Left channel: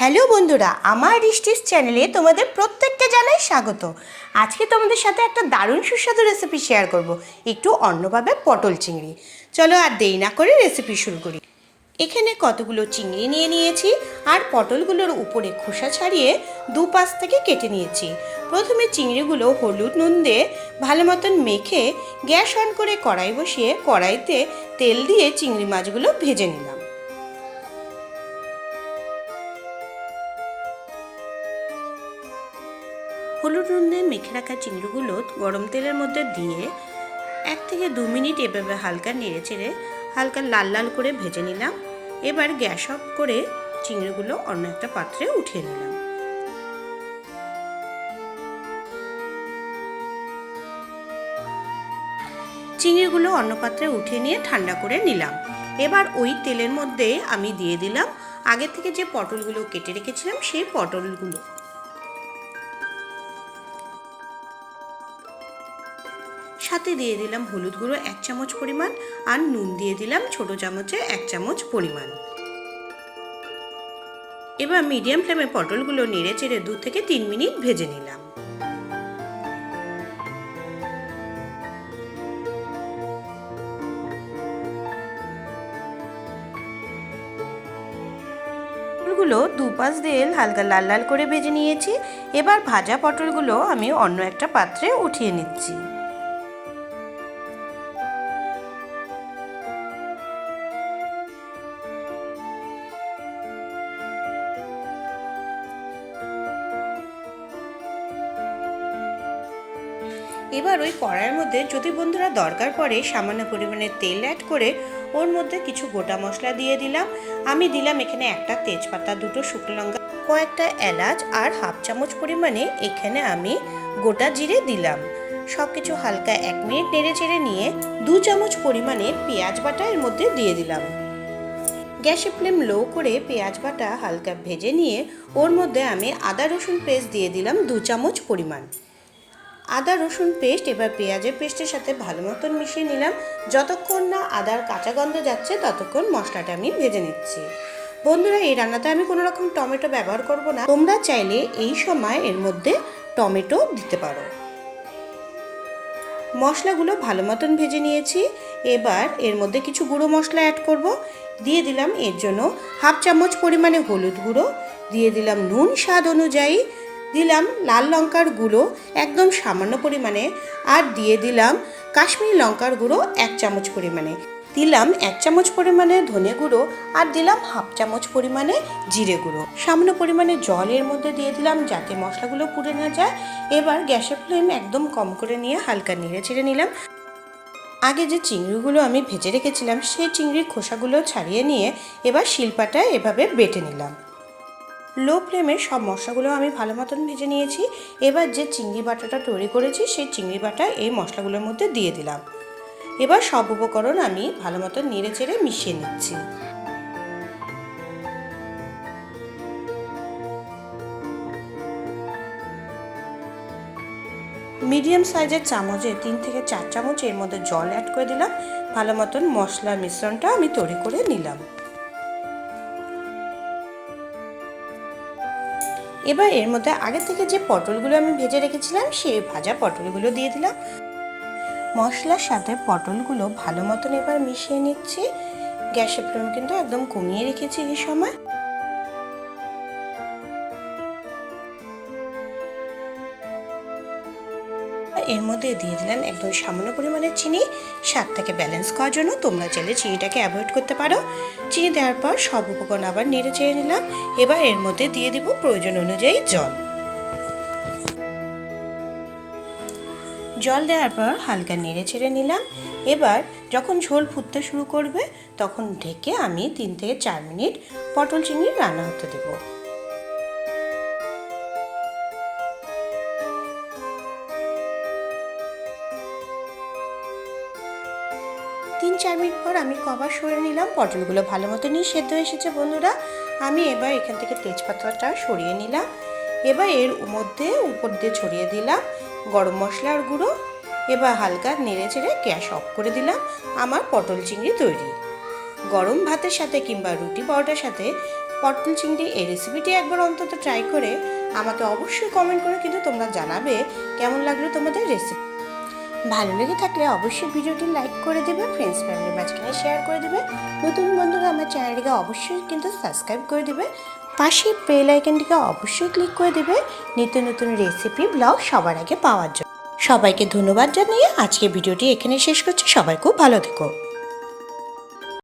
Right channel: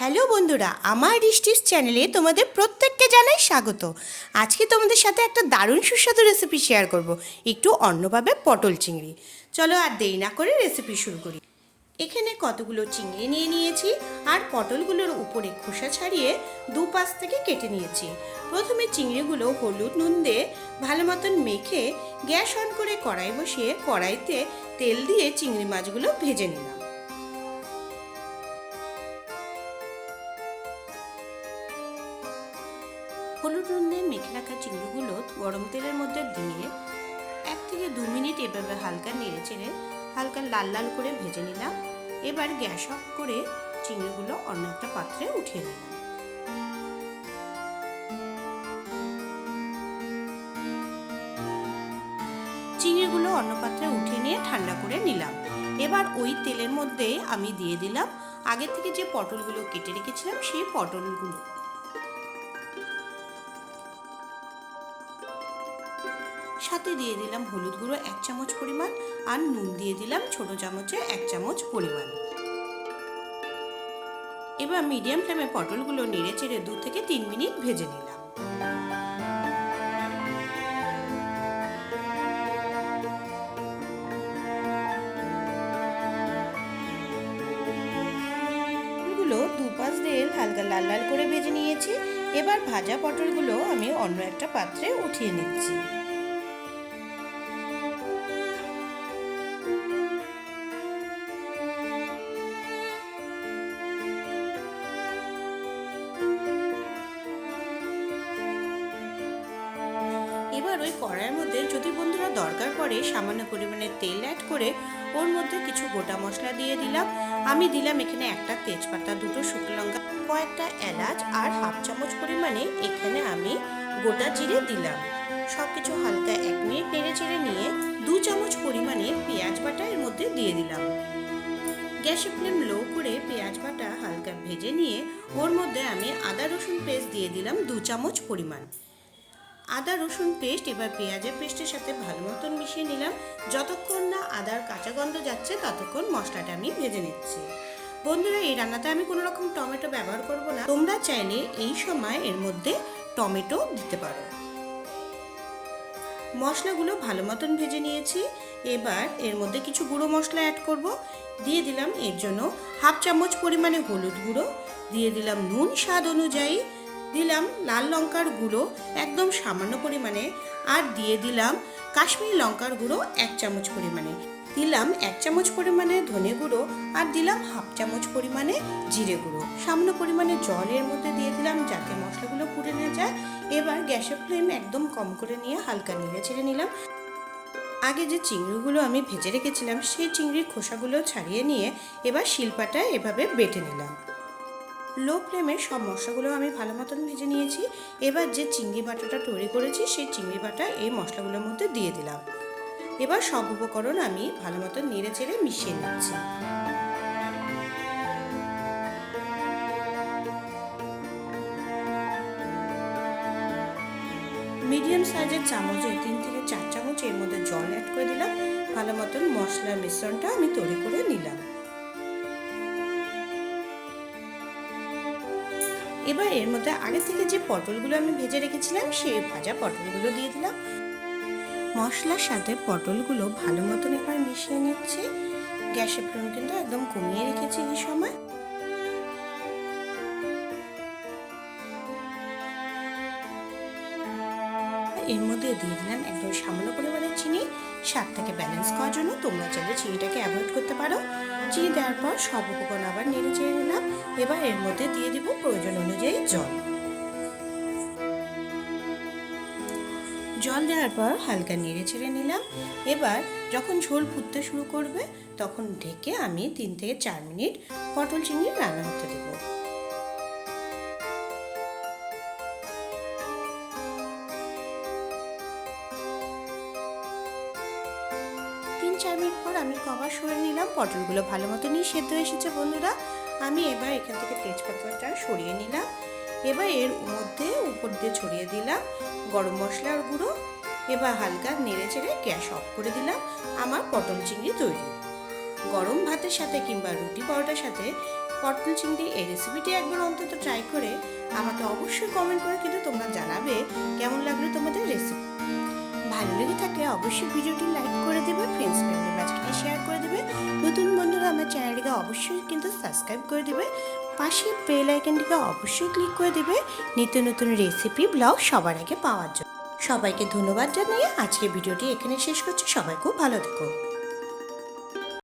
Hello বন্ধুরা, আমার রিস্টিস চ্যানেলে তোমাদের প্রত্যেককে জানাই স্বাগত। আজকে তোমাদের সাথে একটা দারুণ সুস্বাদু রেসিপি শেয়ার করব, একটু অন্যভাবে পটল চিংড়ি। চলো আর দেরি না করে রেসিপি শুরু করি। এখানে কতগুলো চিংড়ি নিয়ে নিয়েছি আর পটলগুলোর উপরে খোসা ছাড়িয়ে দু পাশ থেকে কেটে নিয়েছি। প্রথমে চিংড়িগুলো হলুদ নুন দিয়ে ভালো মতন মেখে গ্যাস অন করে কড়াই বসিয়ে কড়াইতে তেল দিয়ে চিংড়ি মাছগুলো ভেজে নিলাম। হলুদ নুন মেখে রাখা চিংড়িগুলো গরম তেলের মধ্যে দিয়ে এক থেকে দু মিনিট এভাবে হালকা নেড়ে চেড়ে হালকা লাল লাল করে ভেজে নিলাম। এবার গ্যাস অফ করে চিংড়িগুলো অন্য একটা পাত্রে উঠিয়ে নিলাম। চিংড়িগুলো অন্য পাত্রে উঠিয়ে নিয়ে ঠান্ডা করে নিলাম। এবার ওই তেলের মধ্যে আমি দিয়ে দিলাম। আগে থেকে যে পটলগুলো কেটে রেখেছিলাম, সেই পটলগুলো সাথে দিয়ে দিলাম হলুদ গুঁড়ো এক চামচ পরিমাণ আর নুন দিয়ে দিলাম ছোট চামচে এক চামচ পরিমাণ। এবার মিডিয়াম ফ্লেমে পটলগুলো নেড়ে চেড়ে দু থেকে তিন মিনিট ভেজে নিলাম। পটলগুলো দুপাশ দিয়ে হালকা লাল লাল করে ভেজে নিয়েছি। এবার ভাজা পটলগুলো আমি অন্য একটা পাত্রে উঠিয়ে নিচ্ছি। এবার ওই কড়াইয়ের মধ্যে যদি বন্ধুরা দরকার পড়ে সামান্য পরিমাণে তেল অ্যাড করে ওর মধ্যে কিছু গোটা মশলা দিয়ে দিলাম। আমি দিলাম এখানে একটা তেজপাতা, দুটো শুকনো লঙ্কা, কয়েকটা এলাচ আর হাফ চামচ পরিমাণে এখানে আমি গোটা জিরে দিলাম। সব কিছু হালকা এক মিনিট নেড়ে চেড়ে নিয়ে দু চামচ পরিমাণে পেঁয়াজ বাটা এর মধ্যে দিয়ে দিলাম। গ্যাসের ফ্লেম লো করে পেঁয়াজ বাটা হালকা ভেজে নিয়ে ওর মধ্যে আমি আদা রসুন পেস্ট দিয়ে দিলাম দু চামচ পরিমাণ। আদা, রসুন পেস্ট, এবার পেঁয়াজের পেস্টের সাথে ভালো মতন মিশিয়ে নিলাম। যতক্ষণ না আদার কাঁচা গন্ধ যাচ্ছে, ততক্ষণ মশলাটা আমি ভেজে নিচ্ছি। বন্ধুরা, এই রান্নাতে আমি কোনো রকম টমেটো ব্যবহার করব না। তোমরা চাইলে এই সময় এর মধ্যে টমেটো দিতে পারো। মশলাগুলো ভালো মতন ভেজে নিয়েছি। এবার এর মধ্যে কিছু গুঁড়ো মশলা অ্যাড করব। দিয়ে দিলাম এর জন্য হাফ চামচ পরিমাণে হলুদ গুঁড়ো। দিয়ে দিলাম নুন স্বাদ অনুযায়ী। দিলাম লাল লঙ্কার গুঁড়ো একদম সামান্য পরিমাণে আর দিয়ে দিলাম কাশ্মীরি লঙ্কার গুঁড়ো এক চামচ পরিমাণে। দিলাম এক চামচ পরিমাণে ধনে গুঁড়ো আর দিলাম হাফ চামচ পরিমাণে জিরে গুঁড়ো। সামান্য পরিমাণে জল এর মধ্যে দিয়ে দিলাম যাতে মশলাগুলো পুড়ে না যায়। এবার গ্যাসের ফ্লেম একদম কম করে নিয়ে হালকা নেড়ে চেড়ে নিলাম। আগে যে চিংড়িগুলো আমি ভেজে রেখেছিলাম, সেই চিংড়ির খোসাগুলো ছাড়িয়ে নিয়ে এবার শিলপাটায় এভাবে বেটে নিলাম। লো ফ্লেমে সব মশলাগুলো আমি ভালো মতন ভেজে নিয়েছি। এবার যে চিংড়ি বাটাটা তৈরি করেছি, সেই চিংড়ি বাটা এই মশলাগুলোর মধ্যে দিয়ে দিলাম। এবার সব উপকরণ আমি ভালো মতন নেড়ে চেড়ে মিশিয়ে নিচ্ছি। মিডিয়াম সাইজের চামচে তিন থেকে চার চামচ এর মধ্যে জল অ্যাড করে দিলাম। ভালো মতন মশলার মিশ্রণটা আমি তৈরি করে নিলাম। এবার এর মধ্যে আগে থেকে যে পটলগুলো আমি ভেজে রেখেছিলাম, সেই ভাজা পটলগুলো দিয়ে দিলাম। মশলার সাথে পটলগুলো ভালো মতন এবার মিশিয়ে নিচ্ছি। গ্যাসের ফ্লেম কিন্তু একদম কমিয়ে রেখেছি এই সময়। এর মধ্যে দিয়ে দিলাম একদম সামান্য পরিমাণের চিনি। স্বাদটাকে ব্যালেন্স করার জন্য তোমরা চাইলে চিনিটাকে অ্যাভয়েড করতে পারো। চিনি দেওয়ার পর সব উপকরণ আবার নেড়ে চেড়ে নিলাম। এবার এর মধ্যে দিয়ে দিব প্রয়োজন অনুযায়ী জল। জল দেওয়ার পর হালকা নেড়ে ছেড়ে নিলাম। এবার যখন ঝোল ফুটতে শুরু করবে, তখন ঢেকে আমি তিন থেকে চার মিনিট পটল চিংড়ি রান্না হতে দেবো। চার পর আমি কভার সরিয়ে নিলাম, পটলগুলো ভালো মতনই সেদ্ধ এসেছে বন্ধুরা। আমি এবার এখান থেকে তেজপাতাটা সরিয়ে নিলাম। এবার এর মধ্যে উপর দিয়ে ছড়িয়ে দিলাম গরম মশলার গুঁড়ো। এবার হালকা নেড়ে চেড়ে গ্যাস অফ করে দিলাম আমার পটল চিংড়ি তৈরি। গরম ভাতের সাথে কিংবা রুটি পরোটার সাথে পটল চিংড়ি এই রেসিপিটি একবার অন্তত ট্রাই করে আমাকে অবশ্যই কমেন্ট করে কিন্তু তোমরা জানাবে কেমন লাগল তোমাদের রেসিপি ভালো লেগে থাকলে অবশ্যই ভিডিওটি লাইক করে দেবে ফ্রেন্ডস ফ্যামিলির মাঝখানে শেয়ার করে দেবে। নতুন বন্ধুরা আমার চ্যানেলটিকে অবশ্যই কিন্তু সাবস্ক্রাইব করে দেবে। পাশে বেল আইকনটিকে অবশ্যই ক্লিক করে দেবে নিত্য নতুন রেসিপি ব্লগ সবার আগে পাওয়ার জন্য। সবাইকে ধন্যবাদ জানিয়ে আজকে ভিডিওটি এখানে শেষ করছি। সবাই খুব ভালো থেকো।